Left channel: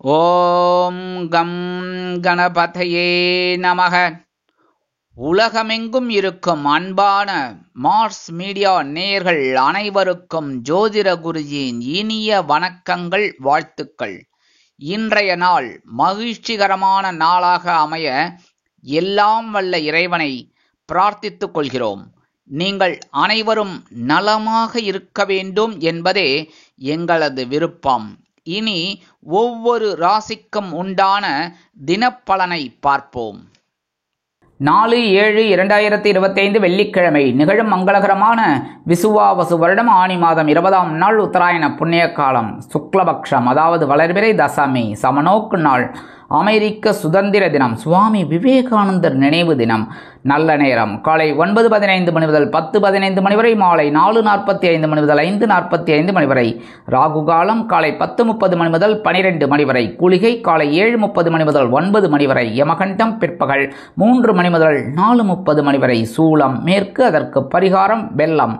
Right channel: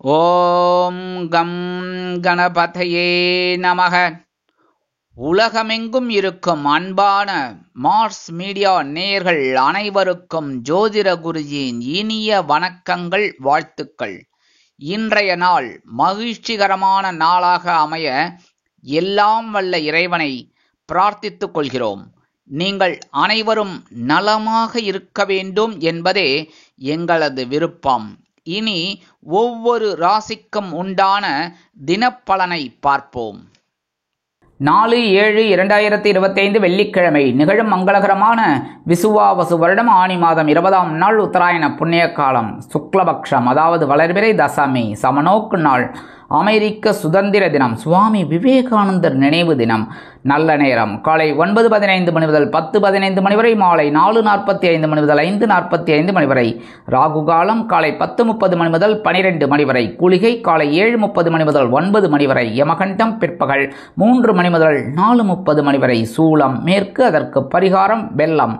ஓம் come கணபதையே நமக. உலகமெங்கும் இருக்கும் அன்பான மார்ஸ் மீடியா நேயர்கள் அனைவருக்கும் ஜோதிட குருஜியின் இனிய வணக்கங்கள், வாழ்த்துக்கள். இன்றைய நாள் மகிழ்ச்சிகரமான நாளாக அமைய எல்லாம் வல்ல இறைவனை பிரார்த்தித்துக் கொள்கிறோம். நீங்கள் அனைவரும் நலமாக இருக்க வேண்டும் என்பதே எங்களது விருப்பம். இனி ஒவ்வொரு ராசிக்கும் உண்டான தினப்பலனை பார்ப்போம். 4/7/2025 வெள்ளிக்கிழமை நிகழும் மங்களகரமான விசுவாவசு வருடம் ஆனி மாதம் 20ஆம் நாள் உத்தராயண புண்ணிய காலம், சுக்லபக்ஷம், அதாவது வளர்பிறை தசமி, சமநோக்கு நாள், அமெரிக்க சுதந்திர தினம், சுவாமி விவேகானந்தர் நினைவு தினம். நல்ல நேரம் காலை 9:15 மணி முதல் 10:15 மணி வரை, மாலை 4:45 மணி முதல் 5:45 மணி வரை. ராகு காலம் காலை 10:30 மணி முதல் 12 மணி வரை. குளிகை காலை 7:30 மணி முதல் 9 மணி வரை. யமகண்டம் பிற்பகல் 3 மணி முதல் 4:30 மணி வரை. சூலம் மேற்கு, அதற்கு பரிகாரம் வெள்ளம்.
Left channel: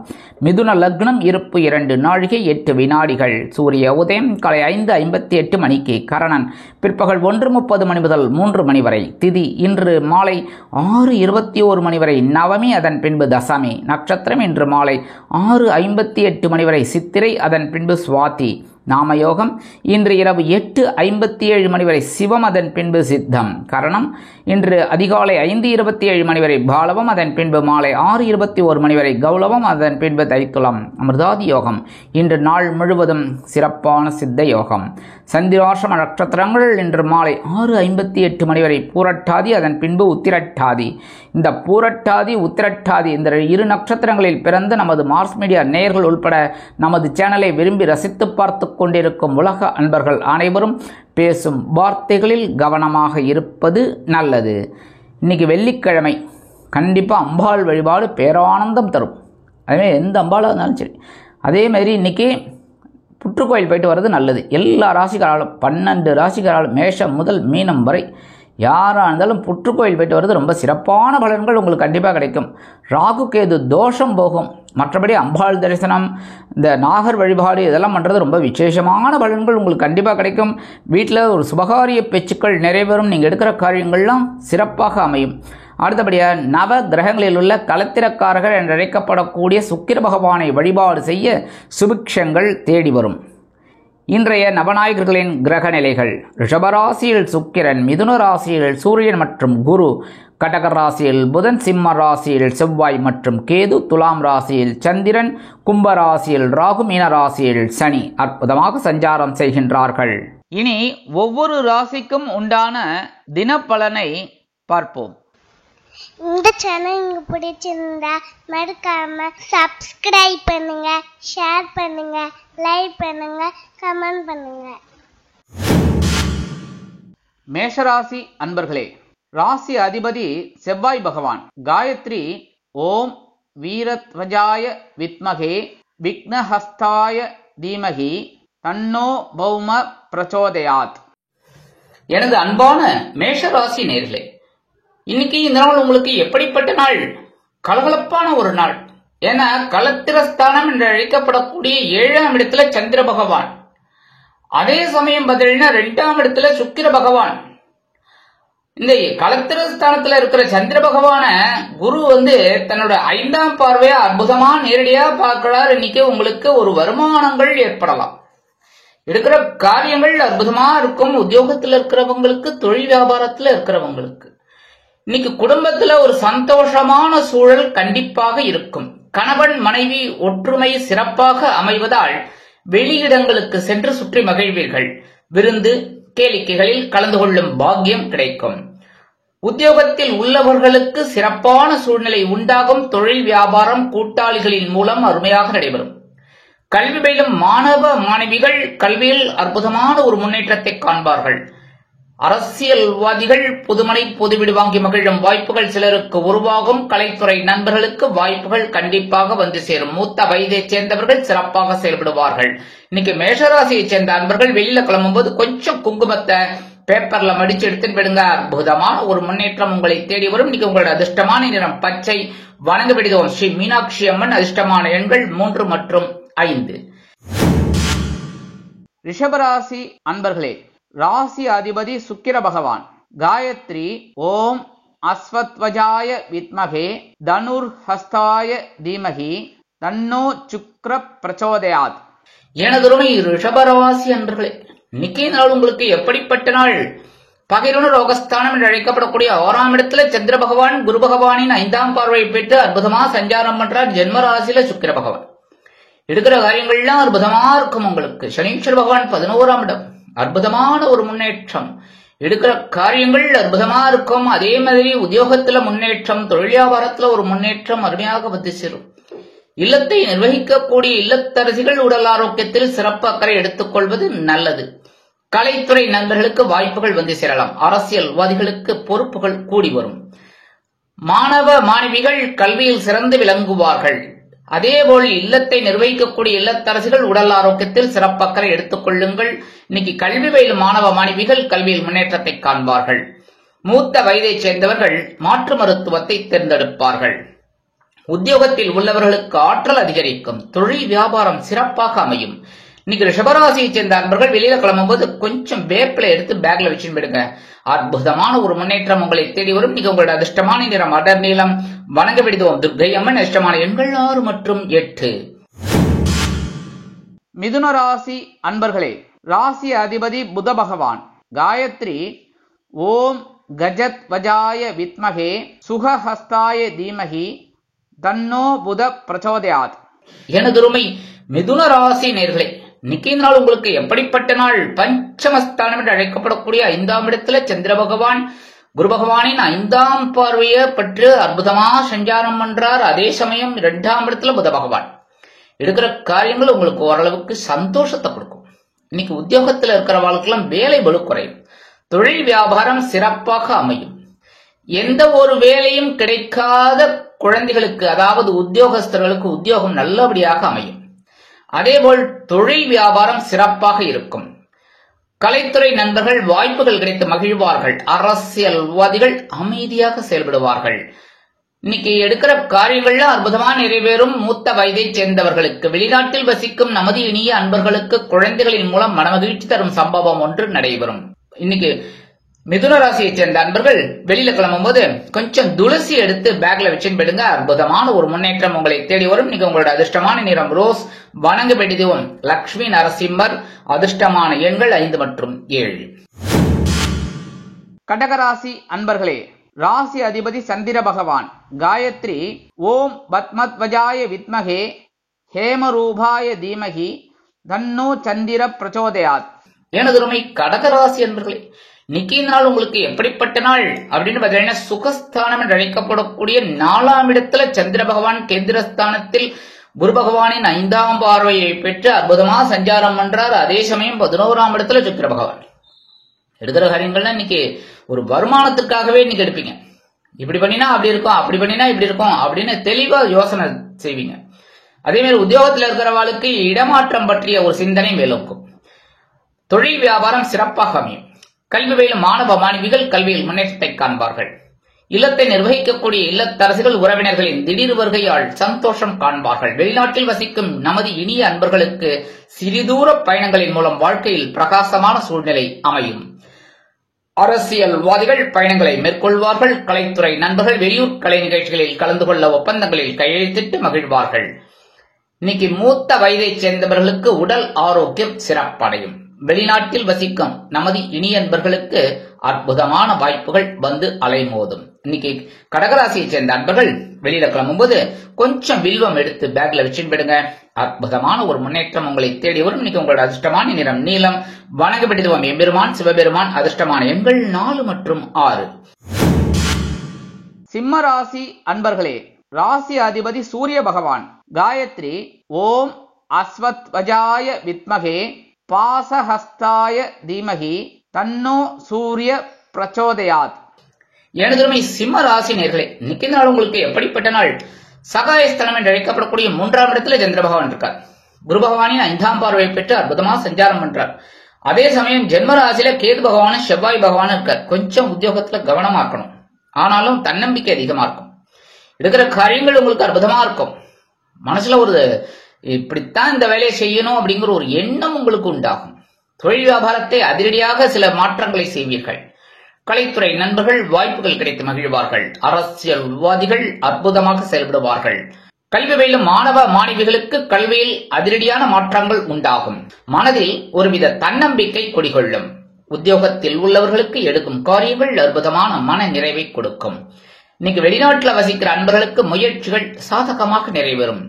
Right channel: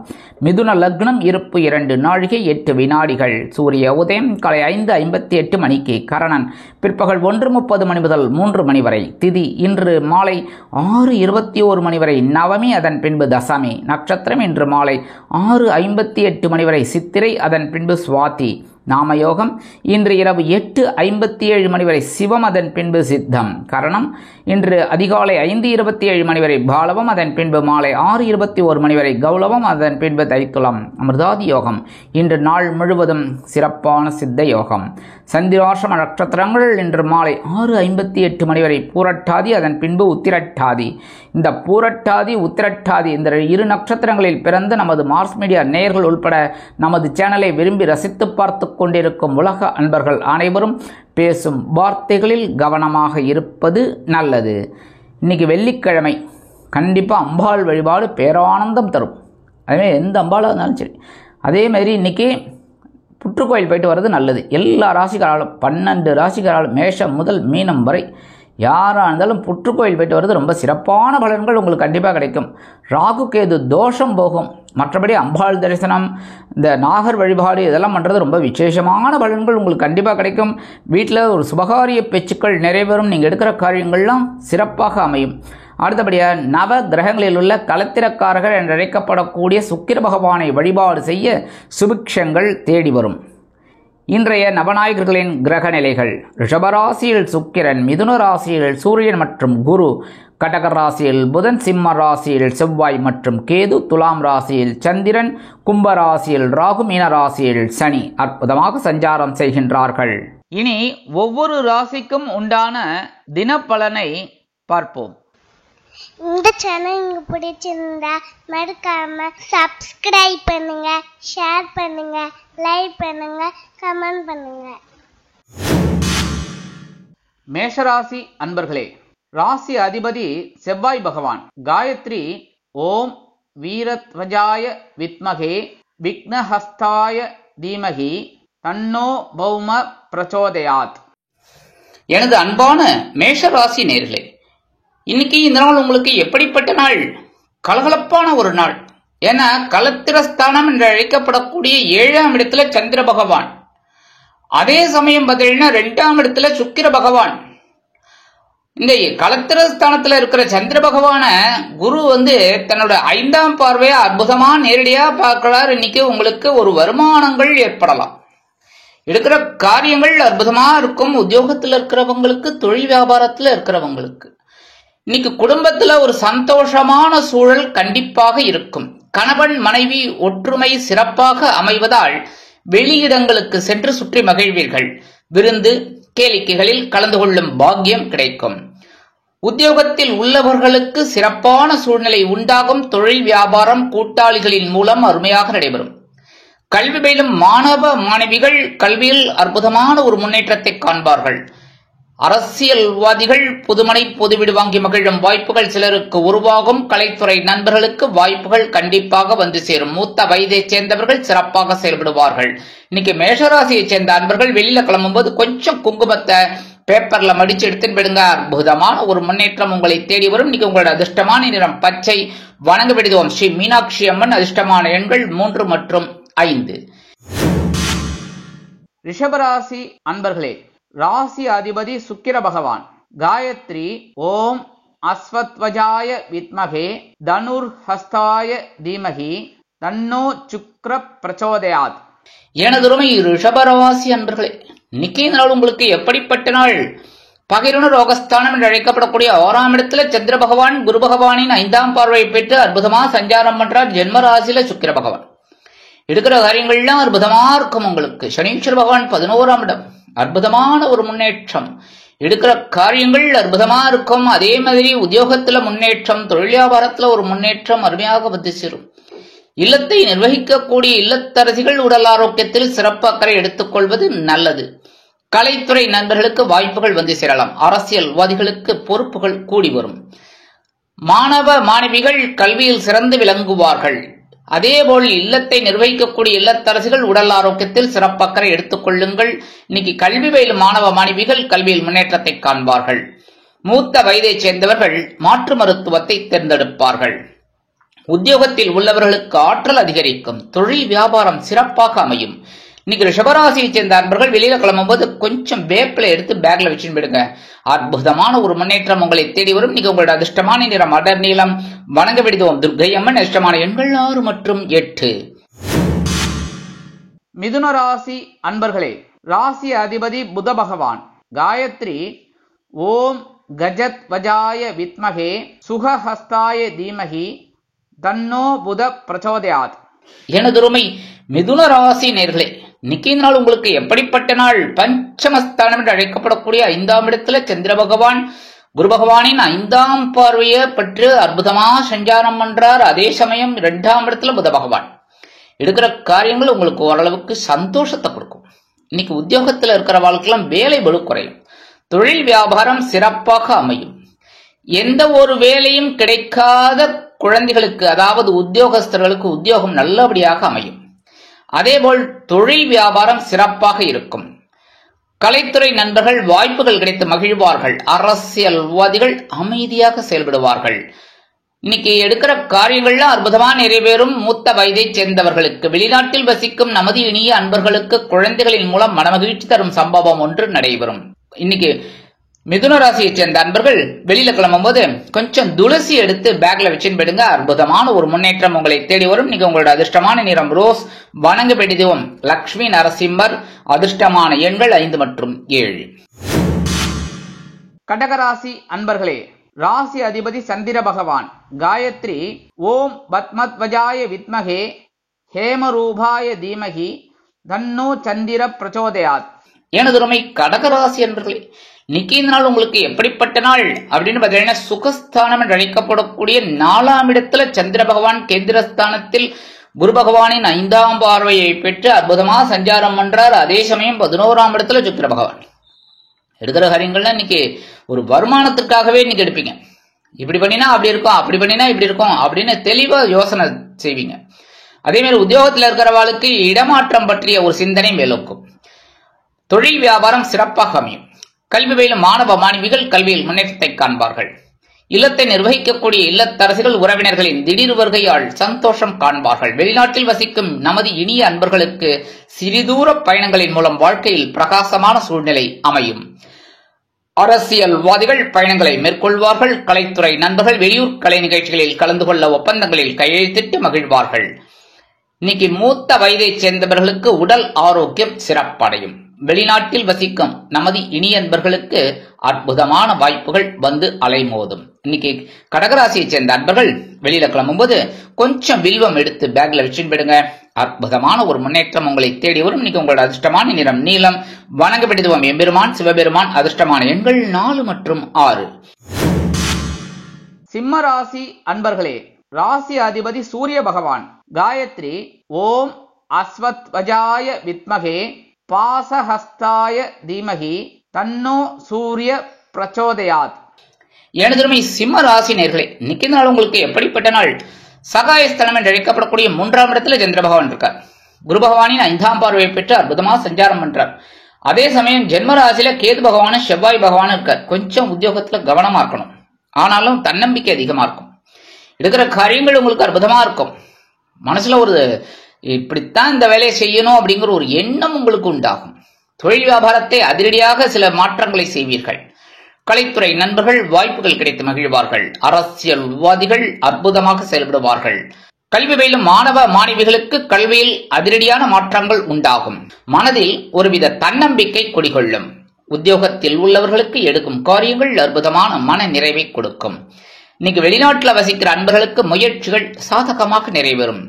மிதுன லக்னம், இருப்பு 2 நாழிகை 8 வினாடிகள். சூரிய உதயம் காலை 5:58 மணிக்கு. கரணன் பிற்பகல் 1:30 மணி முதல் 3 மணி வரை. திதி இன்று மாலை 6:21 மணி வரை நவமி, அதன் பின்பு தசமி. நட்சத்திரம் இன்று மாலை 6:58 மணி வரை சித்திரை, அதன் பின்பு சுவாதி. நாமயோகம் இன்று இரவு 8:57 மணி வரை சிவம், அதன் பின்பு சித்தம். கரணம் இன்று அதிகாலை 5:27 மணி வரை பாலவம், அதன் பின்பு மாலை 6:21 மணி வரை கௌலவம், அதன் பின்பு தைத்துளம். அமிர்தாதி யோகம் இன்று நாள் முழுவதும் சிறப்பான சித்த யோகம். சந்திராசிரம நட்சத்திரங்கள் இன்று மாலை 6:58 மணி வரை பூரட்டாதி, அதன் பின்பு உத்திரட்டாதி. இந்த பூரட்டாதி உத்திரட்டாதி இந்த இரு நட்சத்திரங்களில் பிறந்த நமது மார்ஸ் மீடியா நேயர்கள் உள்பட நமது சேனலை விரும்பி ரசித்து பார்த்து கொண்டிருக்கும் உலக அன்பர்கள் அனைவரும் பேசும் வார்த்தைகளில் கவனமாக இருப்பது நல்லது. இன்னைக்கு வெள்ளிக்கிழமை, கண்டிப்பாக அம்பாள் வழிபாடு பேரானந்தம் தரும். அதுவே எந்த அம்பாளாக இருந்தாலும் சரி. அதேமாதிரி இன்றைக்கி புற்றுக்கோயில் போயிட்டு வர்றது நல்லது. எல்லா ராசிகளாலும் 12 ராசிகளாலும் மேஷம் முதல் மீனம் வரை யாராக இருந்தாலும் புற்றுக்கோயில் போயிட்டு வர்றது ரொம்ப சிறப்பான பலன்கள் உங்களுக்கு கண்டிப்பாக கிடைக்கும். ராகு கேது தோஷம் போகும். மற்றபடி அம்பாள் தரிசனம், இந்த நாகர் வழிபாடு இதெல்லாம் பண்ணுறது ரொம்ப விசேஷமான பலன்கள் உங்களுக்கு கண்டிப்பாக கிடைக்கும். வீட்டில் ஒரு சுபகாரிய பேச்சுக்கள் நிறைவேறும். நீங்கள் எடுக்கிற காரியங்கள்லாம் சிறப்பாக அமையும். அடுத்தபடியாக நவ கிரகங்களில் உள்ள களத்திரக்காரர்கள் என்று அழைக்கப்படக்கூடிய சுக்கிர பகவானை வழிபாடு செய்ய சுபிக்ஷங்கள் தேடி வரும். இன்றைய நவநாயகர்களின் கிரக நிலைகள்: ரிஷபராசியில் சுக்கிரன், மிதுன ராசியில் சூரியன் மற்றும் குரு, கடக ராசியில் புதன், சிம்ம ராசியில் செவ்வாய் மற்றும் கேது, துலாம் ராசியில் சந்திரன், கும்ப ராசியில் ராகு, மீன ராசியில் சனி அற்புதமாக சஞ்சாரம் செய்கின்றார்கள். இனி ஒவ்வொரு ராசிக்கும் உண்டான தினப்பலனை பார்ப்போம். இந்த சேனல் உங்களுக்கு பிடிச்சிருந்தா மறக்காம சப்ஸ்கிரைப் பண்ணுங்க, ஷேர் பண்ணுங்க, லைக் பண்ணுங்க, கமெண்ட் பண்ணுங்க. மேஷராசி அன்பர்களே, ராசி அதிபதி செவ்வாய் பகவான். காயத்ரி ஓம் வீரத்வஜாய வித்மகே விக்னஹஸ்தாய தீமகி தன்னோ பௌம பிரச்சோதயாத். எனது அன்பான மேஷராசி நேர்களே, இன்னைக்கு இந்த நாள் உங்களுக்கு எப்படிப்பட்ட நாள்? கலகலப்பான ஒரு நாள். ஏன்னா களத்திரஸ்தானம் என்று அழைக்கப்படக்கூடிய 7ஆம் இடத்துல சந்திர பகவான், அதே சமயம் பார்த்தீங்கன்னா 2ஆம் இடத்துல சுக்கிர பகவான். இந்த களத்திரஸ்தானத்துல இருக்கிற சந்திர பகவான குரு தன்னோட 5ஆம் பார்வையா அற்புதமா நேரடியா பார்க்கிறார். இன்னைக்கு உங்களுக்கு ஒரு வருமானங்கள் ஏற்படலாம். எடுக்கிற காரியங்கள் அற்புதமா இருக்கும். உத்தியோகத்தில் இருக்கிறவங்களுக்கு, தொழில் வியாபாரத்தில் இருக்கிறவங்களுக்கு இன்னைக்கு குடும்பத்துல ஒரு சந்தோஷமான சூழல் கண்டிப்பாக இருக்கும். கணவன் மனைவி ஒற்றுமை சிறப்பாக அமைவதால் வெளியிடங்களுக்கு சென்று சுற்றி மகிழ்வீர்கள். விருந்து கேளிக்கைகளில் கலந்து கொள்ளும் பாக்கியம் கிடைக்கும். உத்தியோகத்தில் உள்ளவர்களுக்கு சிறப்பான சூழ்நிலை உண்டாகும். தொழில் வியாபாரம் கூட்டாளிகளின் மூலம் அருமையாக நடைபெறும். கல்வி பயிலும் மாணவ மாணவிகள் கல்வியில் அற்புதமான ஒரு முன்னேற்றத்தை காண்பார்கள். அரசியல்வாதிகள் புதுமனை புதுவீடு வாங்கி மகிழும் வாய்ப்புகள் சிலருக்கு உருவாகும். கலைத்துறை நண்பர்களுக்கு வாய்ப்புகள் கண்டிப்பாக வந்து சேரும். மூத்த வயதைச் சேர்ந்தவர்கள் சிறப்பாக செயல்படுவார்கள். இன்னைக்கு மேஷராசியைச் சேர்ந்த அன்பர்கள் வெளியில கிளம்பும் போது கொஞ்சம் குங்குமத்தை பேப்பர்ல மடிச்சு எடுத்துன்னு போயிடுங்க. அற்புதமான ஒரு முன்னேற்றம் உங்களை தேடி வரும். இன்னைக்கு உங்களோட அதிர்ஷ்டமான நிறம் பச்சை. வணங்க விடுவோம் ஸ்ரீ மீனாட்சி அம்மன். அதிர்ஷ்டமான எண்கள் 3 மற்றும் 5. ரிஷபராசி அன்பர்களே, ராசி அதிபதி சுக்கிர பகவான். காயத்ரி ஓம் அஸ்வத்வஜாய வித்மகே தனுர்ஹஸ்தாய தீமகி தன்னோ சுக்ர பிரச்சோதயாத். எனதுருமை ரிஷபராசி அன்பர்களே, இன்னைக்கு நாள் உங்களுக்கு எப்படிப்பட்ட நாள்? பகிர்ண ரோகஸ்தானம் என்று அழைக்கப்படக்கூடிய 6ஆம் இடத்துல சந்திர பகவான் குரு பகவானின் 5ஆம் பார்வையை பெற்று அற்புதமா சஞ்சாரம் பண்றார். ஜென்ம ராசியில சுக்கிர பகவான். எடுக்கிற காரியங்கள்லாம் அற்புதமா இருக்கும். உங்களுக்கு சனீஸ்வர பகவான் 11ஆம் இடம், அற்புதமான ஒரு முன்னேற்றம். எடுக்கிற காரியங்கள் அற்புதமா இருக்கும். அதே மாதிரி உத்தியோகத்துல முன்னேற்றம், தொழில் வியாபாரத்துல ஒரு முன்னேற்றம் அருமையாக வந்து சேரும். இல்லத்தை நிர்வகிக்கக்கூடிய இல்லத்தரசிகள் உடல் ஆரோக்கியத்தில் சிறப்பு அக்கறை எடுத்துக் கொள்வது நல்லது. கலைத்துறை நண்பர்களுக்கு வாய்ப்புகள் வந்து சேரலாம். அரசியல்வாதிகளுக்கு பொறுப்புகள் கூடி வரும். மாணவ மாணவிகள் கல்வியில் சிறந்து விளங்குவார்கள். அதேபோல் இல்லத்தை நிர்வகிக்கக்கூடிய இல்லத்தரசிகள் உடல் ஆரோக்கியத்தில் சிறப்பு அக்கறை எடுத்துக் கொள்ளுங்கள். இன்னைக்கு கல்வி பயிலும் மாணவ மாணவிகள் கல்வியில் முன்னேற்றத்தை காண்பார்கள். மூத்த வயதைச் சேர்ந்தவர்கள் மாற்று மருத்துவத்தை தேர்ந்தெடுப்பார்கள். உத்தியோகத்தில் உள்ளவர்களுக்கு ஆற்றல் அதிகரிக்கும். தொழில் வியாபாரம் சிறப்பாக அமையும். இன்னைக்கு ரிஷபராசியை சேர்ந்த அன்பர்கள் வெளியில கிளம்பும்போது கொஞ்சம் வேப்பிலை எடுத்து பேக்ல வச்சுன்னு போயிடுங்க. அற்புதமான ஒரு முன்னேற்றம் உங்களை தேடி வரும். இன்னைக்கு உங்களோட அதிர்ஷ்டமான நிறம் அடர் நீளம். வணங்க விடுவோம் துர்க்கை அம்மன். அதிர்ஷ்டமான எண்கள் 6 மற்றும் 8. மிதுன ராசி அன்பர்களே, ராசி அதிபதி புத பகவான். காயத்ரி ஓம் கஜத் வஜாய வித்மகே சுகஹஸ்தாய தீமகி தன்னோ புத பிரச்சோதயாத். எனதுருமை மிதுன ராசி நேர்களே, இன்னைக்கு நாள் உங்களுக்கு எப்படிப்பட்ட நாள்? பஞ்சமஸ்தானம் என்று அழைக்கப்படக்கூடிய 5ஆம் இடத்துல சந்திர பகவான் குரு பகவானின் 5ஆம் பார்வையை பெற்று அற்புதமா சஞ்சாரம் பண்றார். அதே சமயம் 2ஆம் இடத்துல புத பகவான். எடுக்கிற காரியங்கள் உங்களுக்கு ஓரளவுக்கு சந்தோஷத்தை கொடுக்கும். இன்னைக்கு உத்தியோகத்தில் இருக்கிற வாழ்க்கையெல்லாம் வேலை பளு குறையும். தொழில் வியாபாரம் சிறப்பாக அமையும். எந்த ஒரு வேலையும் கிடைக்காத குழந்தைகளுக்கு, அதாவது உத்தியோகஸ்தர்களுக்கு உத்தியோகம் நல்லபடியாக அமையும். அதேபோல் தொழில் வியாபாரம் சிறப்பாக இருக்கும். கலைத்துறை நண்பர்கள் வாய்ப்புகள் கிடைத்து மகிழ்வார்கள். அரசியல்வாதிகள் அமைதியாக செயல்படுவார்கள். இன்னைக்கு எடுக்கிற காரியங்கள்ல அற்புதமா நிறைவேறும். மூத்த வயதை சேர்ந்தவர்களுக்கு, வெளிநாட்டில் வசிக்கும் நமது இனிய அன்பர்களுக்கு குழந்தைகளின் மூலம் மனமகிழ்ச்சி தரும் சம்பவம் ஒன்று நடைபெறும். இன்னைக்கு மிதுன ராசியை சேர்ந்த அன்பர்கள் வெளியில கிளம்பும் போது கொஞ்சம் துளசி எடுத்து பேக்ல வச்சுன்னு போயிடுங்க. அற்புதமான ஒரு முன்னேற்றம் உங்களை தேடி வரும். நீங்க உங்களோட அதிர்ஷ்டமான நிறம் ரோஸ். வணங்க வேண்டியதும் லட்சுமி நரசிம்மர். அதிர்ஷ்டமான எண்கள் 5 மற்றும் 7. கடகராசி அன்பர்களே, ராசி அதிபதி சந்திர பகவான். காயத்ரி ஓம் பத்மத்வஜாய வித்மகே ஹேமரூபாய தீமகி தன்னோ சந்திர பிரச்சோதயாத். எனதுமை கடகராசி அன்பர்களே, இன்னைக்கு இந்த நாள் உங்களுக்கு எப்படிப்பட்ட நாள் அப்படின்னு பார்த்தீங்கன்னா, சுகஸ்தானம் என்று அழைக்கப்படக்கூடிய 4ஆம் இடத்துல சந்திர பகவான் கேந்திரஸ்தானத்தில் குரு பகவானின் 5ஆம் பார்வையை பெற்று அற்புதமாக சஞ்சாரம் பண்றார். அதே சமயம் 11ஆம் இடத்துல சுக்கிர பகவான். எடுக்கிற காரியங்கள்ல இன்னைக்கு ஒரு வருமானத்திற்காகவே இன்னைக்கு எடுப்பீங்க. இப்படி பண்ணினா அப்படி இருக்கும், அப்படி பண்ணினா இப்படி இருக்கும் அப்படின்னு தெளிவா யோசனை செய்வீங்க. அதே மாதிரி உத்தியோகத்தில் இருக்கிறவாளுக்கு இடமாற்றம் பற்றிய ஒரு சிந்தனை மேலோக்கும். தொழில் வியாபாரம் சிறப்பாக அமையும். கல்வி பயிலும் மாணவ மாணவிகள் கல்வியில் முன்னேற்றத்தை காண்பார்கள். இல்லத்தை நிர்வகிக்கக்கூடிய இல்லத்தரசிகள் உறவினர்களின் திடீர் வருகையால் சந்தோஷம் காண்பார்கள். வெளிநாட்டில் வசிக்கும் நமது இனிய அன்பர்களுக்கு சிறிதூர பயணங்களின் மூலம் வாழ்க்கையில் பிரகாசமான சூழ்நிலை அமையும். அரசியல்வாதிகள் பயணங்களை மேற்கொள்வார்கள். கலைத்துறை நண்பர்கள் வெளியூர் கலை நிகழ்ச்சிகளில் கலந்து கொள்ள ஒப்பந்தங்களில் கையெழுத்திட்டு மகிழ்வார்கள். இன்னைக்கு மூத்த வயதைச் சேர்ந்தவர்களுக்கு உடல் ஆரோக்கியம் சிறப்படையும். வெளிநாட்டில் வசிக்கும் நமது இனியன்பர்களுக்கு அற்புதமான வாய்ப்புகள் வந்து அலைமோதும். இன்னைக்கு கடகராசியைச் சேர்ந்த அன்பர்கள் வெளியில கிளம்பும்போது கொஞ்சம் வில்வம் எடுத்து பேக்ல வச்சுட்டு போயிடுங்க. அற்புதமான ஒரு முன்னேற்றம் உங்களை தேடி வரும். இன்னைக்கு உங்களோட அதிர்ஷ்டமான நிறம் நீலம். வணங்க வேண்டியதும் எம்பெருமான் சிவபெருமான். அதிர்ஷ்டமான எண்கள் 4 மற்றும் 6. சிம்ம ராசி அன்பர்களே, ராசி அதிபதி சூரிய பகவான். காயத்ரி ஓம் அஸ்வத்வஜாய வித்மகே பாசஹஸ்தாய தீமகி தன்னோ சூரிய பிரச்சோதயாத். எனதுமை சிம்ம ராசி நேர்களே, இன்னைக்கு நாள் உங்களுக்கு எப்படிப்பட்ட நாள்? சகாயஸ்தலம் என்று அழைக்கப்படக்கூடிய 3ஆம் இடத்துல சந்திர பகவான் இருக்கார். குரு பகவானின் 5ஆம் பார்வையை பெற்று அற்புதமா சஞ்சாரம் பண்றார். அதே சமயம் ஜென்ம ராசியில கேது பகவானும் செவ்வாய் பகவானும் இருக்கார். கொஞ்சம் உத்தியோகத்துல கவனமா இருக்கணும். ஆனாலும் தன்னம்பிக்கை அதிகமா இருக்கும். எடுக்கிற காரியங்கள் உங்களுக்கு அற்புதமா இருக்கும். மனசுல ஒரு இப்படித்தான் இந்த வேலையை செய்யணும் அப்படிங்கிற ஒரு எண்ணம் உங்களுக்கு உண்டாகும். தொழில் வியாபாரத்தை அதிரடியாக சில மாற்றங்களை செய்வீர்கள். கலைத்துறை நண்பர்கள் வாய்ப்புகள் கிடைத்து மகிழ்வார்கள். அரசியல் விவாதிகள் அற்புதமாக செயல்படுவார்கள். கல்வி பயிலும் மாணவ மாணவிகளுக்கு கல்வியில் அதிரடியான மாற்றங்கள் உண்டாகும். மனதில் ஒருவித தன்னம்பிக்கை குடிகொள்ளும். உத்தியோகத்தில் உள்ளவர்களுக்கு எடுக்கும் காரியங்கள் அற்புதமான மன நிறைவை கொடுக்கும். இன்னைக்கு வெளிநாட்டில் வசிக்கிற அன்பர்களுக்கு முயற்சிகள் சாதகமாக நிறைவேறும்.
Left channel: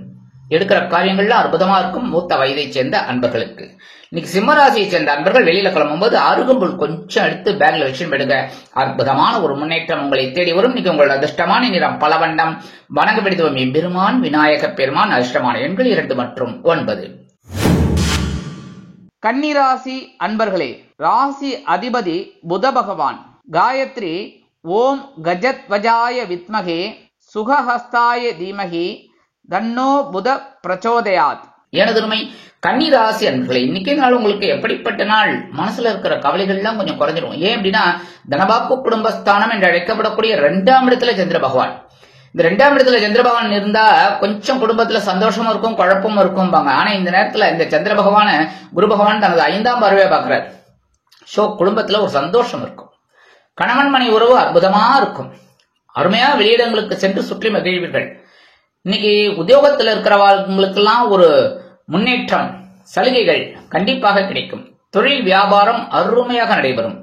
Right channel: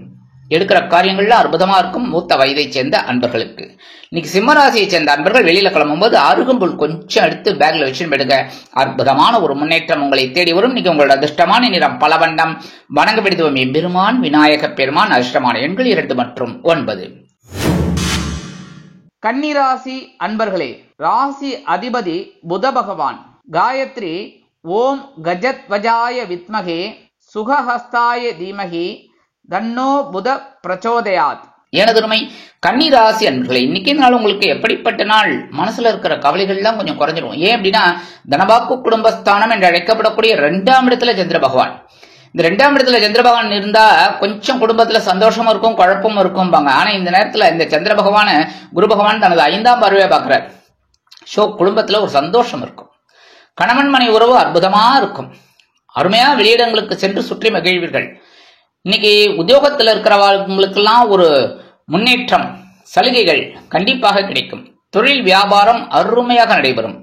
எடுக்கிற காரியங்கள்ல அற்புதமா இருக்கும். மூத்த வயதை சேர்ந்த அன்பர்களுக்கு இன்னைக்கு சிம்மராசியை சேர்ந்த அன்பர்கள் வெளியில கிளம்பும்போது அருகம்புல் கொஞ்சம் எடுத்து பேக்ல வச்சு விடுங்க. அற்புதமான ஒரு முன்னேற்றம் உங்களை தேடி வரும். இன்னைக்கு உங்களோட அதிர்ஷ்டமான நிறம் பலவண்ணம். வணங்க பிடித்துவம் எம்பெருமான் விநாயக பெருமான். அதிர்ஷ்டமான எண்கள் 2 மற்றும் 9. கன்னிராசி அன்பர்களே, ராசி அதிபதி புத பகவான். காயத்ரி ஓம் கஜத்வஜாய வித்மகே சுகஹஸ்தாய தீமகி தன்னோ புத பிரச்சோதயாத். எனதுமை கன்னிராசி அன்பர்களே, இன்னைக்கு நாள் உங்களுக்கு எப்படிப்பட்ட நாள்? மனசுல இருக்கிற கவலைகள்லாம் கொஞ்சம் குறைஞ்சிடும். ஏன் அப்படின்னா தனபாக்கு குடும்பஸ்தானம் என்று அழைக்கப்படக்கூடிய 2ஆம் இடத்துல சந்திர பகவான். இந்த 2ஆம் இடத்துல சந்திர பகவான் இருந்தா கொஞ்சம் குடும்பத்துல சந்தோஷமும் இருக்கும், குழப்பமும் இருக்கும்பாங்க. ஆனா இந்த நேரத்துல இந்த சந்திர பகவான குரு பகவான் தனது 5ஆம் பார்வையா பாக்குறாரு. சோ குடும்பத்துல ஒரு சந்தோஷம் இருக்கும். கணவன் மனை உறவு அற்புதமா இருக்கும். அருமையா வெளியிடங்களுக்கு சென்று சுற்றி மகிழ்வீர்கள். இன்னைக்கு உத்தியோகத்தில் இருக்கிறவங்களுக்கெல்லாம் ஒரு முன்னேற்றம், சலுகைகள் கண்டிப்பாக கிடைக்கும். தொழில் வியாபாரம் அருமையாக நடைபெறும்.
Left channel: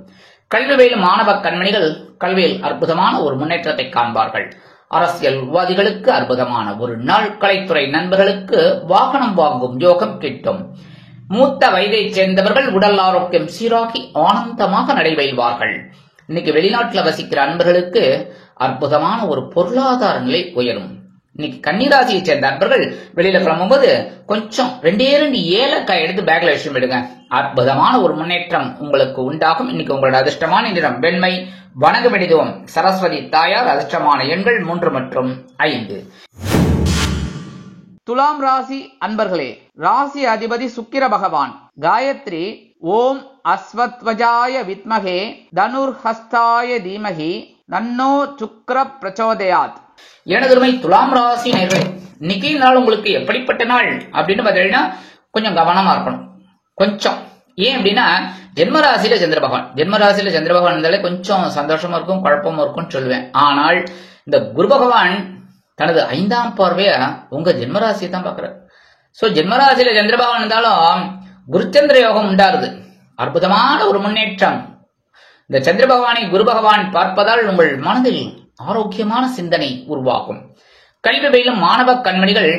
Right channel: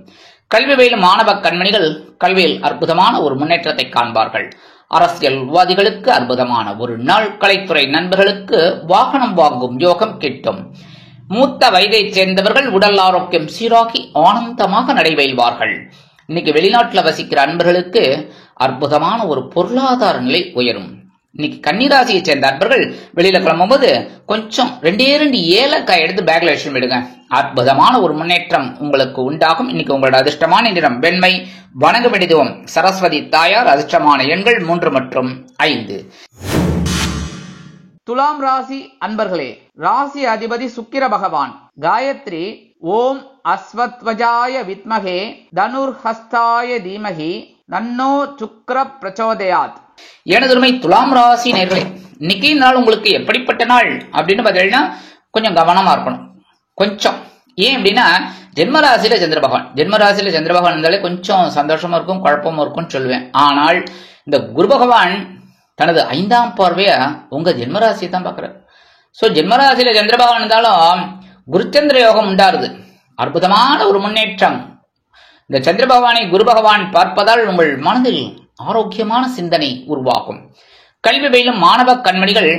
கல்வி பயிலும் மாணவ கண்மணிகள் கல்வியில் அற்புதமான ஒரு முன்னேற்றத்தை காண்பார்கள். அரசியல் விவாதிகளுக்கு அற்புதமான ஒரு நாள். கலைத்துறை நண்பர்களுக்கு வாகனம் வாங்கும் யோகம் கிட்டும். மூத்த வயதை சேர்ந்தவர்கள் உடல் ஆரோக்கியம் சீராகி ஆனந்தமாக நடைபெறுவார்கள். இன்னைக்கு வெளிநாட்டில் வசிக்கிற அன்பர்களுக்கு அற்புதமான ஒரு பொருளாதார நிலை உயரும். இன்னைக்கு கன்னிராசியை சேர்ந்த அன்பர்கள் வெளியில கிளம்பும்போது கொஞ்சம் 2 ஏலக்காய் எடுத்து பேக்ல வச்சு விடுங்க. அற்புதமான ஒரு முன்னேற்றம் உங்களுக்கு உண்டாகும். இன்னைக்கு உங்களோட அதிர்ஷ்டமான நிறம் வெண்மை. வணங்க வேண்டியதும் சரஸ்வதி தாயார். அதிர்ஷ்டமான எண்கள் 3 மற்றும் 5. துலாம் ராசி அன்பர்களே, ராசி அதிபதி சுக்கிர பகவான். காயத்ரி ஓம் அஸ்வத்வஜாய வித்மகே தனுர்ஹஸ்தாய தீமகி தன்னோ சுக்ர பிரச்சோதயாத். எனதுமை துலாம் ராசி நேர்களே, இன்னைக்கு நாள் உங்களுக்கு எப்படிப்பட்ட நாள் அப்படின்னு பார்த்தீங்கன்னா கொஞ்சம் கவனமா இருக்கணும். கொஞ்சம் ஏன் அப்படின்னா ஜென்மராசியில சந்திர பகவான். ஜென்மராசியில சந்திர பகவான் இருந்தாலே கொஞ்சம் சந்தோஷமா இருக்கும், குழப்பமா இருக்கும்னு சொல்லுவேன். ஆனால் இந்த குரு பகவான் தனது 5ஆம் பார்வையா உங்க ஜென்மராசியை தான் பாக்குறாரு. சோ ஜென்மராசியில சந்திர பகவான் இருந்தாலும் குருச்சந்திர யோகம் உண்டாருது. அற்புதமான ஒரு முன்னேற்றம். இந்த சந்திர பகவானை குரு பகவான் பார்ப்பதால் உங்கள் மனதில் ஆரோக்கியமான சிந்தனை உருவாகும். கல்வி பயிலும் மாணவ கண்மணிகள்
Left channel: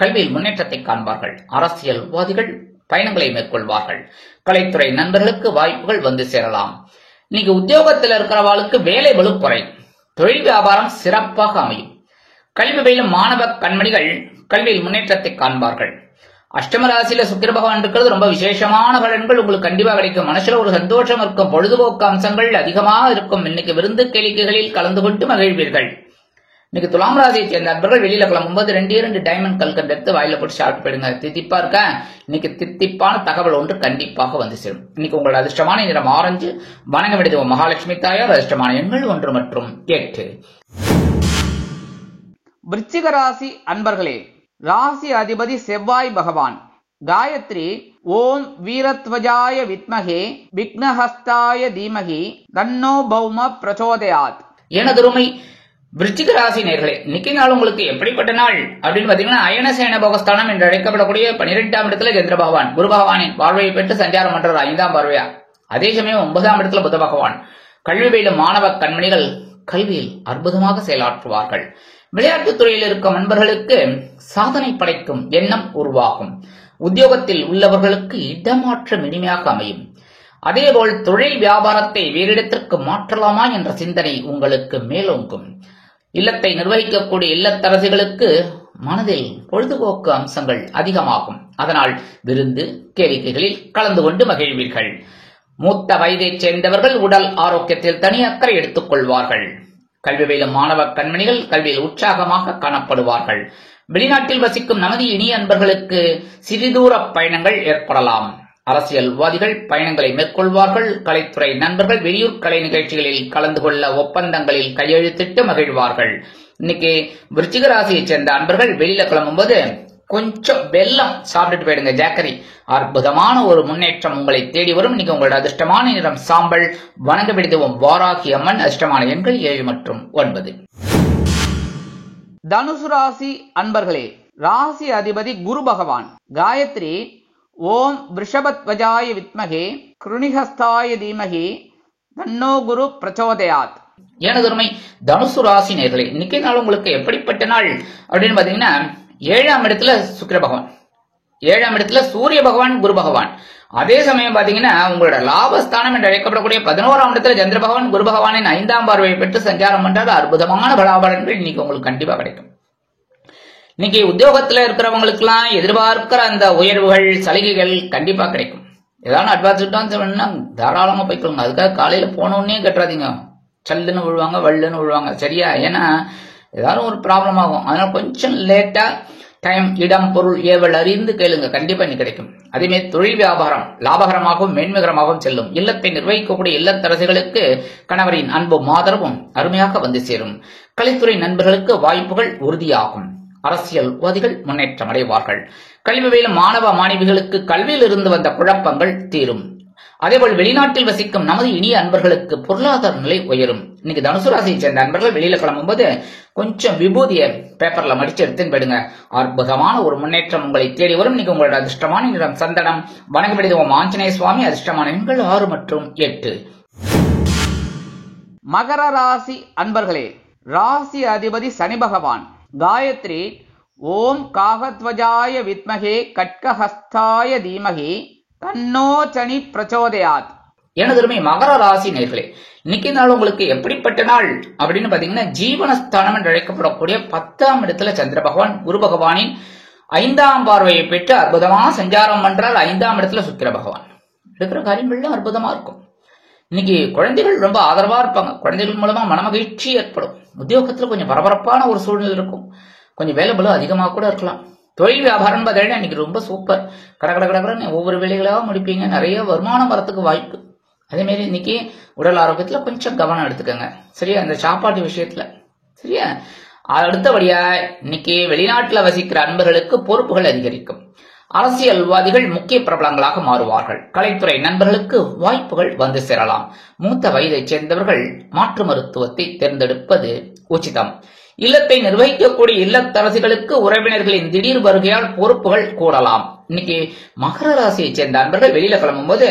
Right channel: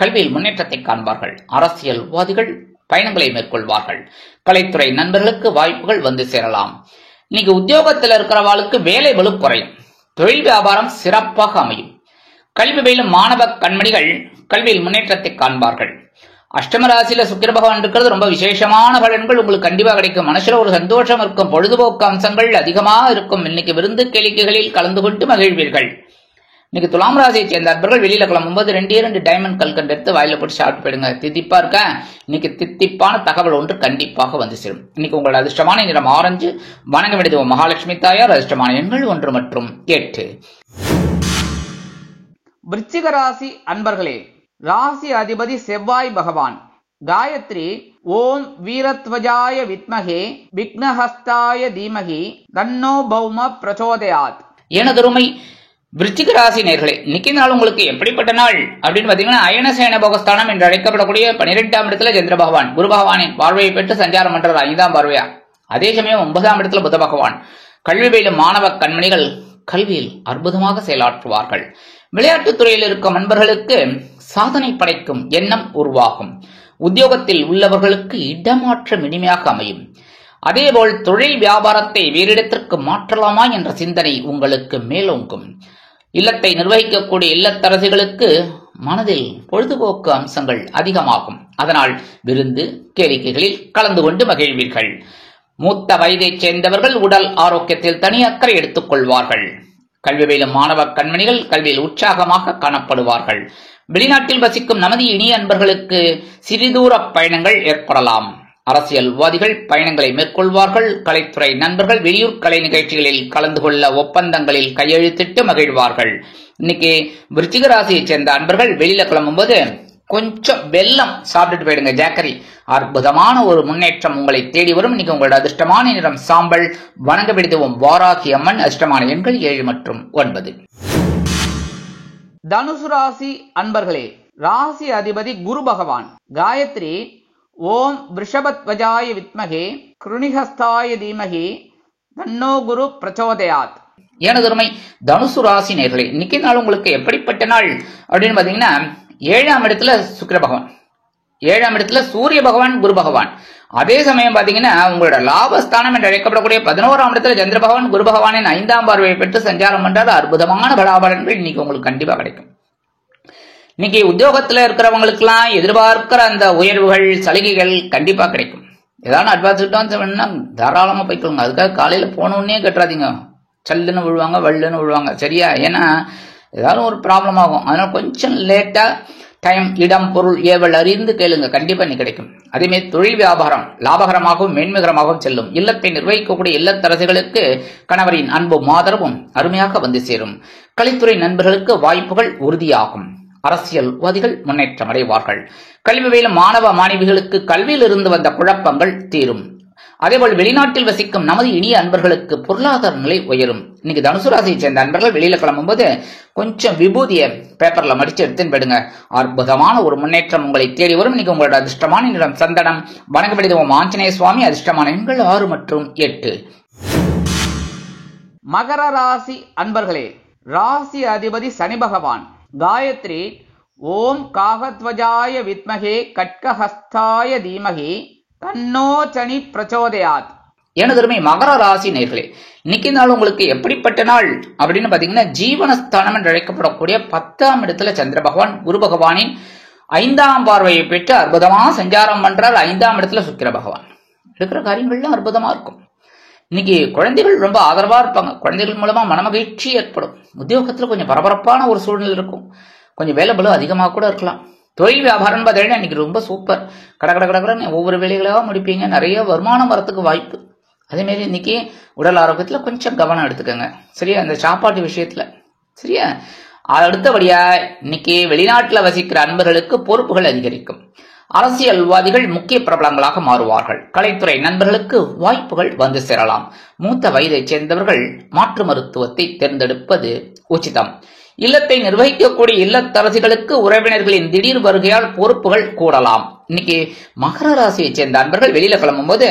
கல்வியில் முன்னேற்றத்தை காண்பார்கள். அரசியல்வாதிகள் பயணங்களை மேற்கொள்வார்கள். கலைத்துறை நண்பர்களுக்கு வாய்ப்புகள் வந்து சேரலாம். இன்னைக்கு உத்தியோகத்தில் இருக்கிறவாளுக்கு வேலை பளு குறையும். தொழில் வியாபாரம் சிறப்பாக அமையும். கல்வி பயிலும் மாணவ கண்மணிகள் கல்வியில் முன்னேற்றத்தை காண்பார்கள். அஷ்டம ராசியில சுக்கிர பகவான் இருக்கிறது ரொம்ப விசேஷமான பலன்கள் உங்களுக்கு கண்டிப்பா கிடைக்கும். மனசுல ஒரு சந்தோஷம் இருக்கும். பொழுதுபோக்கு அம்சங்கள் அதிகமாக இருக்கும். இன்னைக்கு விருந்து கேளிக்கைகளில் கலந்து கொண்டு மகிழ்வீர்கள். இன்னைக்கு துலாம் ராசியை சேர்ந்த அன்பர்கள் வெளியில கிளம்பும்போது 2 டைமண்ட் கல்கண்டு எடுத்து வாயில போட்டு சாப்பிட்டு போயிடுங்க. தித்திப்பா இருக்க. இன்னைக்கு தித்திப்பான தகவல் ஒன்று கண்டிப்பாக வந்து சேரும். இன்னைக்கு உங்களோட அதிர்ஷ்டமான நிறம் ஆரஞ்சு. வணங்க வேண்டியது மகாலட்சுமி தாயார். அதிர்ஷ்டமான எண்கள் 1 மற்றும் 8. விருச்சிக ராசி அன்பர்களே, ராசி அதிபதி செவ்வாய் பகவான். காயத்ரி ஓம் வீரத்வஜாய வித்மகே விக்னஹஸ்தாய தீமகி தன்னோ பௌம பிரச்சோதயாத். எனதருமை விருச்சிக ராசி நேர்களே, இன்னைக்கு நாள் உங்களுக்கு எப்படிப்பட்ட நாள் அப்படின்னு பாத்தீங்கன்னா அயனசேன போகஸ்தானம் என்று அழைக்கப்படக்கூடிய 12ஆம் இடத்துல சந்திர பகவான் குரு பகவானின் பார்வையை பெற்று சஞ்சாரம் பண்றது 5ஆம் பார்வையா. அதே சமயம் 9ஆம் இடத்துல புத பகவான். கல்வி பயிலும் மாணவ கண்மணிகள் கல்வியில் அற்புதமாக செயலாற்றுவார்கள். விளையாட்டுத் துறையில் இருக்கும் நண்பர்களுக்கு சாதனை படைக்கும் எண்ணம் உருவாகும். உத்தியோகத்தில் உள்ளவர்களுக்கு இடமாற்றம் இனிமையாக அமையும். அதேபோல் தொழில் வியாபாரத்தை வேறிடத்திற்கு மாற்றலாமா என்ற சிந்தனை உங்களுக்கு மேலோங்கும். இல்லத்தை நிர்வகிக்கக்கூடிய இல்லத்தரசிகளுக்கு மனதில் பொழுதுபோக்கு அம்சங்கள் அதிகமாகும். அதனால் விருந்து கேளிக்கைகளில் கலந்து கொண்டு மகிழ்வீர்கள். மூத்த வயதைச் சேர்ந்தவர்கள் உடல் ஆரோக்கியத்தில் தனி அக்கறை எடுத்துக் கொள்வார்கள். கல்வி பயிலும் மாணவ கண்மணிகள் கல்வியில் உற்சாகமாக காணப்படுவார்கள். வெளிநாட்டில் வசிக்கும் நமது இனிய அன்பர்களுக்கு சிறிதூர பயணங்கள் ஏற்படலாம். அரசியல்வாதிகள் பயணங்களை மேற்கொள்வார்கள். கலைத்துறை நண்பர்கள் வெளியூர் கலை நிகழ்ச்சிகளில் கலந்து கொள்ள ஒப்பந்தங்களில் கையெழுத்திட்டு மகிழ்வார்கள். இன்னைக்கு விருச்சிக ராசியை சேர்ந்த அன்பர்கள் வெளியில கிளம்பும்போது கொஞ்சம் வெல்லம் சாப்பிட்டுட்டு போயிடுங்க, ஜாக்கரி. அற்புதமான ஒரு முன்னேற்றம் உங்களை தேடி வரும். இன்னைக்கு உங்களோட அதிர்ஷ்டமான நிறம் சாம்பல். வணங்க பிடித்தவும் வாராகி அம்மன். அதிர்ஷ்டமான எண்கள் 7 மற்றும் 9. தனுசு ராசி அன்பர்களே, ராசி அதிபதி குரு பகவான். காயத்ரி ஓம் விருஷபத்வஜாய வித்மகே கிருணிஹஸ்தாய தீமகி தன்னோ குரு பிரச்சோதயாத். எனதுமை தனுசு ராசி நேயர்களே, இன்னைக்கு நாள் உங்களுக்கு எப்படிப்பட்ட நாள் அப்படின்னு பாத்தீங்கன்னா, 7ஆம் இடத்துல சுக்கிர பகவான், 7ஆம் இடத்துல சூரிய பகவான், குரு பகவான். அதே சமயம் பாத்தீங்கன்னா உங்களோட லாபஸ்தானம் என்று அழைக்கப்படக்கூடிய 11ஆம் இடத்துல சந்திர பகவான் குரு பகவானின் 5ஆம் பார்வையை பெற்று சஞ்சாரம் பண்றாரு. அற்புதமான பலாபலன்கள் இன்னைக்கு உங்களுக்கு கண்டிப்பா கிடைக்கும். இன்னைக்கு உத்தியோகத்துல இருக்கிறவங்களுக்கு எல்லாம் எதிர்பார்க்கிற அந்த உயர்வுகள், சலுகைகள் கண்டிப்பா கிடைக்கும். ஏதாவது அட்வான்ஸ் வேணும்னா தாராளமா போய்க்கொள்ளுங்க. அதுக்காக காலையில போனோடனே கட்டுறாதீங்க, சல்லுன்னு விழுவாங்க, வள்ளுன்னு விழுவாங்க. சரியா? ஏன்னா ஏதாவது ஒரு ப்ராப்ளம் ஆகும். அதனால கொஞ்சம் லேட்டா டைம், இடம், பொருள் ஏவல் அறிந்து கேளுங்க, கண்டிப்பா நீ கிடைக்கும். அதேமாதிரி தொழில் வியாபாரம் லாபகரமாகவும் மேன்மைகரமாகவும் செல்லும். இல்லத்தை நிர்வகிக்கக்கூடிய இல்லத்தரசிகளுக்கு கணவரின் அன்பும் ஆதரவும் அருமையாக வந்து சேரும். கலைத்துறை நண்பர்களுக்கு வாய்ப்புகள் உறுதியாகும். அரசியல்வாதிகள் முன்னேற்றம் அடைவார்கள். கல்வி பயிலும் மாணவ மாணவிகளுக்கு கல்வியில் இருந்து வந்த குழப்பங்கள் தீரும். அதேபோல் வெளிநாட்டில் வசிக்கும் நமது இனிய அன்பர்களுக்கு பொருளாதார நிலை உயரும். இன்னைக்கு தனுசு ராசியை சேர்ந்த அன்பர்கள் வெளியில கிளம்பும் போது கொஞ்சம் விபூதிய பேப்பர்ல மடிச்சு எடுத்துன்னு போயிடுங்க. அற்புதமான ஒரு முன்னேற்றம் உங்களை தேடி வரும். இன்னைக்கு உங்களோட அதிர்ஷ்டமான நிறம் சந்தனம். வணங்கப்படுவோம் ஆஞ்சநேய சுவாமி. அதிர்ஷ்டமான எண்கள் 6 மற்றும் 8. மகர ராசி அன்பர்களே, ராசி அதிபதி சனி பகவான். காயத்ரி ஓம் காகத்வஜாய வித்மகே கட்கஹஸ்தாய தீமகி தன்னோ சனி பிரச்சோதயாத். எனதருமை மகர ராசி நேயர்களே, இன்னைக்கு நாள் உங்களுக்கு எப்படிப்பட்ட நாள் அப்படின்னு பாத்தீங்கன்னா, ஜீவனஸ்தானம் என்று அழைக்கப்படக்கூடிய 10ஆம் இடத்துல சந்திர பகவான் குரு பகவானின் 5ஆம் பார்வையை பெற்று அற்புதமா சஞ்சாரம் பண்றால். 5ஆம் இடத்துல சுக்கிர பகவான். இருக்கிற காரியங்கள்லாம் அற்புதமா இருக்கும். இன்னைக்கு குழந்தைகள் ரொம்ப ஆதரவா இருப்பாங்க. குழந்தைகள் மூலமா மனமகிழ்ச்சி ஏற்படும். உத்தியோகத்துல கொஞ்சம் பரபரப்பான ஒரு சூழ்நிலை இருக்கும். கொஞ்சம் வேலை பளு அதிகமாக கூட இருக்கலாம். தொழில் வியாபாரம் பார்த்தீங்கன்னா இன்னைக்கு ரொம்ப சூப்பர். கடற்கடன்னு ஒவ்வொரு வேலைகளாக முடிப்பீங்க. நிறைய வருமானம் வரத்துக்கு வாய்ப்பு. அதே மாதிரி இன்னைக்கு உடல் ஆரோக்கியத்துல கொஞ்சம் கவனம் எடுத்துக்கோங்க. சரியா? அந்த சாப்பாட்டு விஷயத்துல. சரியா? அடுத்தபடியா இன்னைக்கு வெளிநாட்டுல வசிக்கிற அன்பர்களுக்கு பொறுப்புகள் அதிகரிக்கும். அரசியல்வாதிகள் முக்கிய பிரபலங்களாக மாறுவார்கள். கலைத்துறை நண்பர்களுக்கு வாய்ப்புகள் வந்து சேரலாம். மூத்த வயதைச் சேர்ந்தவர்கள் மாற்று மருத்துவத்தை தேர்ந்தெடுப்பது உச்சிதம். இல்லத்தை நிர்வகிக்கக்கூடிய இல்லத்தரசிகளுக்கு உறவினர்களின் திடீர் வருகையால் பொறுப்புகள் கூடலாம். இன்னைக்கு மகர ராசியை சேர்ந்த அன்பர்கள் வெளியில கிளம்பும் போது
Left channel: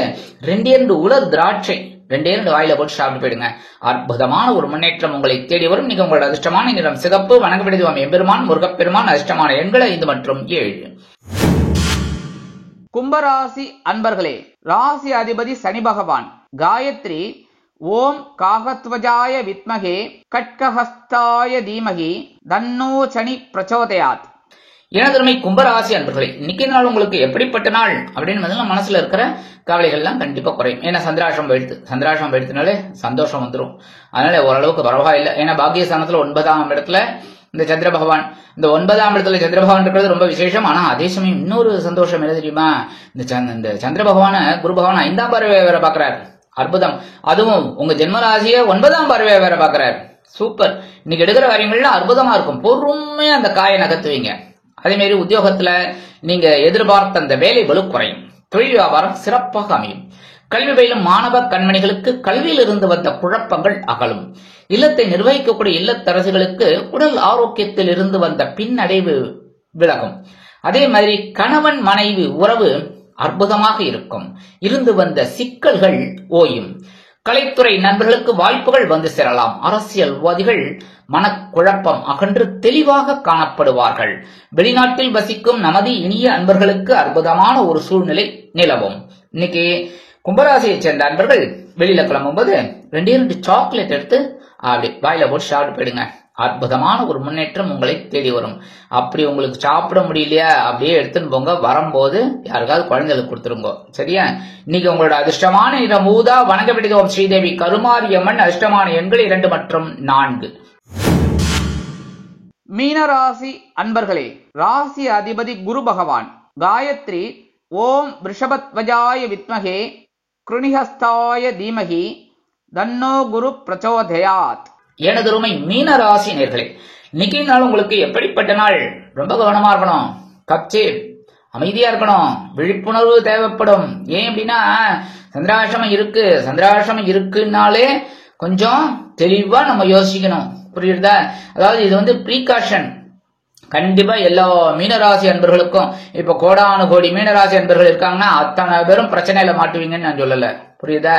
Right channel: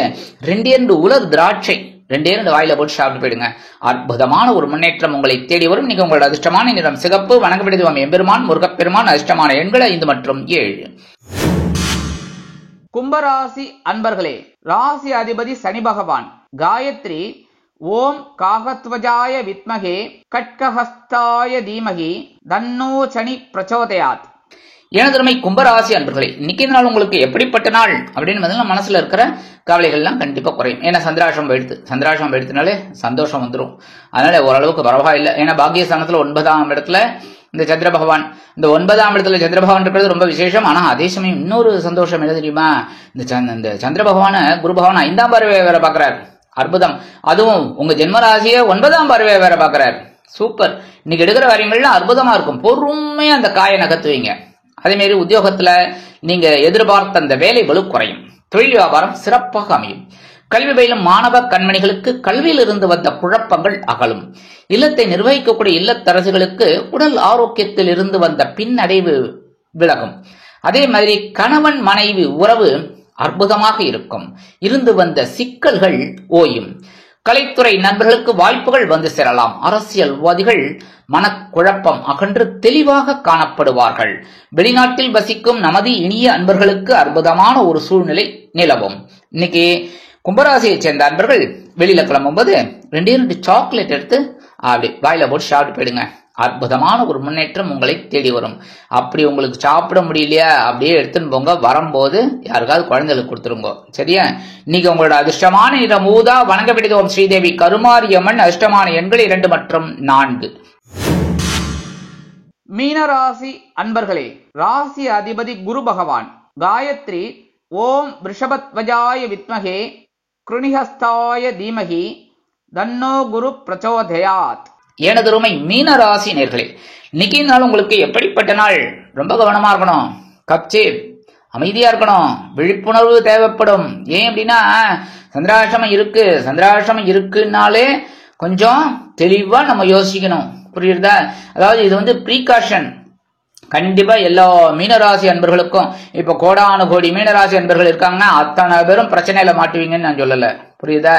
2 உலர் திராட்சை 2 வாயில போட்டு சாப்பிட்டு போயிடுங்க. அற்புதமான ஒரு முன்னேற்றம் உங்களை தேடி வரும். இன்னைக்கு உங்களோட அதிர்ஷ்டமான நிறம் சிகப்பு. வணங்கப்படுவோம் எம்பெருமான் முருகப்பெருமான். அதிர்ஷ்டமான எண்கள் 5 மற்றும் 7. கும்பராசி அன்பர்களே, ராசி அதிபதி சனி பகவான். காயத்ரி ஓம் காகத்வஜாய வித்மகே கட்கஹஸ்தாய தீமகி தன்னோ சனி பிரச்சோதயாத். எனதருமை கும்பராசி அன்பர்களே, இன்னைக்கு நாள் உங்களுக்கு எப்படிப்பட்ட நாள் அப்படின்னு மனசுல இருக்கிற கவலைகள்லாம் கண்டிப்பா குறையும். ஏன்னா சந்திராஷ்டிரம் போயிடுத்துனாலே சந்தோஷம் வந்துடும். அதனால ஓரளவுக்கு பரவாயில்லை. ஏன்னா பாக்கியஸ்தானத்துல 9ஆம் இடத்துல இந்த சந்திர பகவான், இந்த 9ஆம் இடத்துல சந்திர பகவான் இருக்கிறது ரொம்ப விசேஷம். ஆனா அதே சமயம் இன்னொரு சந்தோஷம் என்ன தெரியுமா? இந்த சந்திர பகவான குரு பகவான் 5ஆம் பார்வையை வேற பாக்குறாரு. அற்புதம். அதுவும் உங்க ஜென்மராசிய 9ஆம் பார்வையை வேற பாக்குறாரு. சூப்பர். இன்னைக்கு எடுக்கிற காரியங்கள்லாம் அற்புதமா இருக்கும். பொறுமையா அந்த காயை நகர்த்துவீங்க. அதே மாதிரி உத்தியோகத்துல நீங்க எதிர்பார்த்த அந்த வேலை பளு குறையும். தொழில் வியாபாரம் சிறப்பாக அமையும். கல்வி பயிலும் மாணவ கண்மணிகளுக்கு கல்வியில் இருந்து வந்த குழப்பங்கள் அகலும். இல்லத்தை நிர்வகிக்கக்கூடிய இல்லத்தரசுகளுக்கு உடல் ஆரோக்கியத்தில் இருந்து வந்த பின்னடைவு விலகும். அதே மாதிரி கணவன் மனைவி உறவு அற்புதமாக இருக்கும். இருந்து வந்த சிக்கல்கள் ஓயும். கலைத்துறை நண்பர்களுக்கு வாய்ப்புகள் வந்து சேரலாம். அரசியல்வாதிகள் மனக்குழப்பம் அகன்று தெளிவாக காணப்படுவார்கள். வெளிநாட்டில் வசிக்கும் நமது இனிய அன்பர்களுக்கு அற்புதமான ஒரு சூழ்நிலை நிலவும். இன்னைக்கு கும்பராசியை சேர்ந்த அன்பர்கள் வெளியில கிளம்பும் போது 2 சாக்லேட் எடுத்து அப்படி வாயில போட்டு சாப்பிட்டு போயிடுங்க. அற்புதமான ஒரு முன்னேற்றம் உங்களை தேடி வரும். அப்படி உங்களுக்கு சாப்பிட முடியலையா, அப்படியே எடுத்துன்னு போங்க. வரும்போது யாருக்காவது குழந்தைகளுக்கு கொடுத்துருங்க. சரியா? இன்னைக்கு உங்களோட அதிர்ஷ்டமான நிறம் ஊதா. வணங்கப்படுவோம் ஸ்ரீதேவி கருமாரியம்மன். அதிர்ஷ்டமான எண்கள் 2 மற்றும் 4. மீனராசி அன்பர்களே, ராசி அதிபதி குரு பகவான். காயத்ரி ஓம் விருஷபத்வஜாய வித்மகே கிருணிஹஸ்தாய தீமகி தன்னோ குரு பிரச்சோதயாத். எனதுருமை மீன ராசி நேர்களே, இன்னைக்கு நாள் உங்களுக்கு எப்படிப்பட்ட நாள்? ரொம்ப கவனமா இருக்கணும். கப்சே அமைதியா இருக்கணும், விழிப்புணர்வு தேவைப்படும். ஏன் அப்படின்னா சந்திராஷ்டமம் இருக்குன்னாலே கொஞ்சம் தெளிவா நம்ம யோசிக்கணும். புரியுதா? அதாவது இது ப்ரீகாஷன். கண்டிப்பா எல்லா மீனராசி அன்பர்களுக்கும் இப்ப கோடானு கோடி மீனராசி அன்பர்கள் இருக்காங்கன்னா அத்தனை பேரும் பிரச்சனையில மாட்டுவீங்கன்னு நான் சொல்லல. புரியுதா?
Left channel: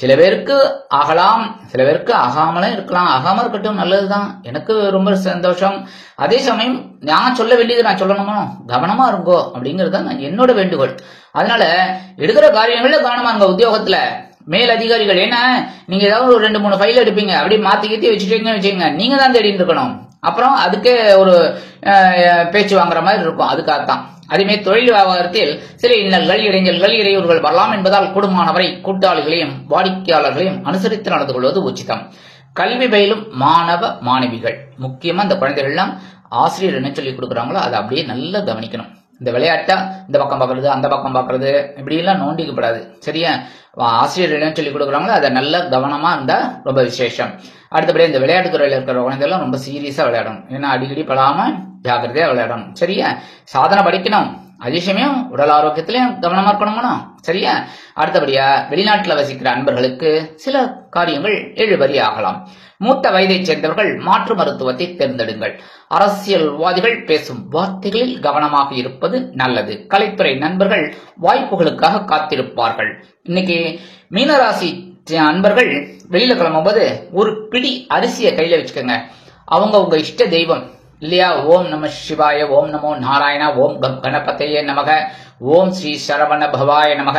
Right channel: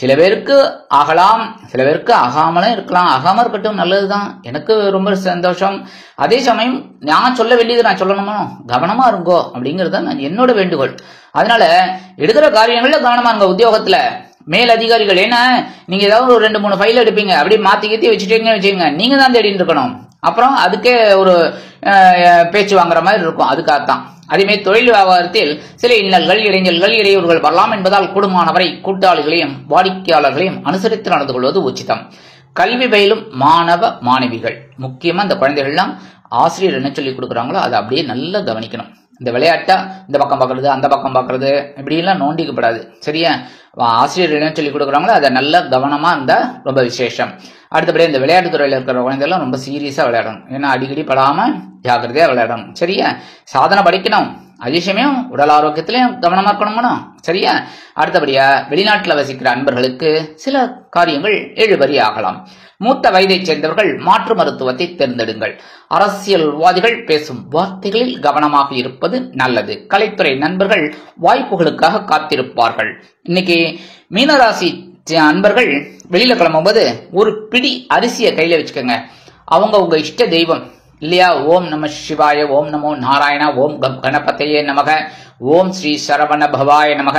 சில பேருக்கு ஆகலாம், சில பேருக்கு ஆகாமலே இருக்கலாம். ஆகாம இருக்கட்டும், நல்லதுதான், எனக்கு ரொம்ப சந்தோஷம். அதே சமயம் நான் சொல்ல வேண்டியது நான் சொல்லணுமா, கவனமா இருங்கோ அப்படிங்கிறது தான் என்னோட வேண்டுகோள். அதனால எடுக்கிற காரியங்கள்ல கவனமா இருங்க. உத்தியோகத்துல மேல் அதிகாரிகள், ஏன்னா நீங்க ஏதாவது ஒரு 2-3 ஃபைல் எடுப்பீங்க, அப்படியே மாத்தி கீத்தி வச்சுக்கோங்க, நீங்க தான் தேடிட்டு இருக்கணும். அப்புறம் அதுக்கே ஒரு பேச்சு வாங்குற மாதிரி இருக்கும். அதுக்காகத்தான். அதேமாதிரி தொழில் வியாபாரத்தில் சில இன்னல்கள், இடைஞ்சல்கள், இடையூறுகள் வரலாம் என்பதால் கூடுமானவரை கூட்டாளிகளையும் வாடிக்கையாளர்களையும் அனுசரித்து நடந்து கொள்வது உச்சிதம். கல்வி பயிலும் மாணவ மாணவிகள், முக்கியமா இந்த குழந்தைகள்லாம் ஆசிரியர் என்ன சொல்லி கொடுக்குறாங்களோ அதை அப்படியே நல்லா கவனிக்கணும். இந்த விளையாட்டா இந்த பக்கம் பார்க்கறது அந்த பக்கம் பார்க்கறது இப்படி எல்லாம் நோண்டிக்கப்படாது. சரியா? ஆசிரியர் என்ன சொல்லி கொடுக்குறாங்களோ அதை நல்லா கவனமா இருந்தா ரொம்ப விசேஷம். அடுத்தபடி இந்த விளையாட்டு துறையில இருக்கிற குழந்தைகள் ரொம்ப சீரியஸா விளையாடணும். ஏன்னா அடிக்கடி படாம ஜாக்கிரதையா விளையாடணும். சரியா? சாதனை படிக்கணும், அதே சமயம் உடல் ஆரோக்கியத்திலையும் கவனமா இருக்கணும். சரியா? அடுத்தபடியா வெளிநாட்டுல வசிக்கிற அன்பர்களுக்கு சில காரியங்கள் இழுபறி ஆகலாம். மூத்த வயதை சேர்ந்தவர்கள் மாற்று மருத்துவத்தை தேர்ந்தெடுங்கள். அரசியல்வாதிகள் பேசும் வார்த்தைகளில் கவனமாக இருப்பது நல்லது. கலைத்துறை நண்பர்கள் வாய்ப்புகளுக்காக காத்திருப்பார்கள். இன்னைக்கு மீனராசி அன்பர்கள் வெளியில கிளம்பும்போது ஒரு பிடி அரிசியை கையில வச்சுக்கோங்க. அவங்க உங்க இஷ்ட தெய்வம் இல்லையா? ஓம் நம சிவாய, ஓம் நமோ நாராயணா, ஓம் கணபதையே நமக, ஓம் ஸ்ரீ சரவண பவாய நமக.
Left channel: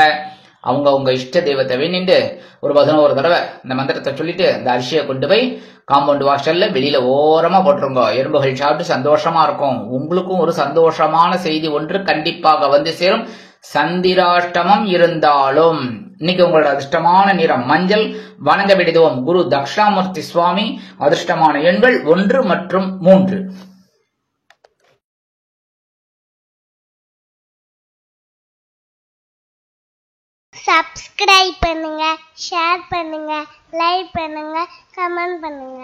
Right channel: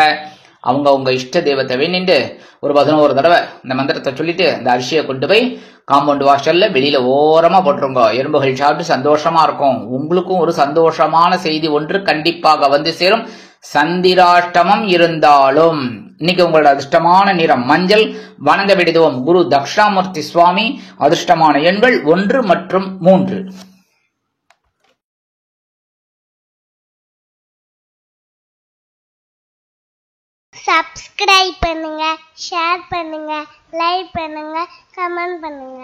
அவங்க உங்க இஷ்ட தெய்வத்தை வேண்டிட்டு ஒரு 11 தடவை இந்த மந்திரத்தை சொல்லிட்டு இந்த அரிசியை கொண்டு போய் காம்பவுண்ட் வாசல்ல வெளியில ஓரமா போட்டுருங்க. எறும்புகள் சாப்பிட்டு சந்தோஷமா இருக்கும். உங்களுக்கும் ஒரு சந்தோஷமான செய்தி ஒன்று கண்டிப்பாக வந்து சேரும். சந்திராஷ்டமம் இருந்தாலும் இன்னைக்கு உங்களோட அதிர்ஷ்டமான நிறம் மஞ்சள். வணங்க விடுவோம் குரு தக்ஷாமூர்த்தி சுவாமி. அதிர்ஷ்டமான எண்கள் 1 மற்றும் 3. சப்ஸ்கிரைப் பண்ணுங்க, ஷேர் பண்ணுங்க, லைக் பண்ணுங்க, கமெண்ட் பண்ணுங்க.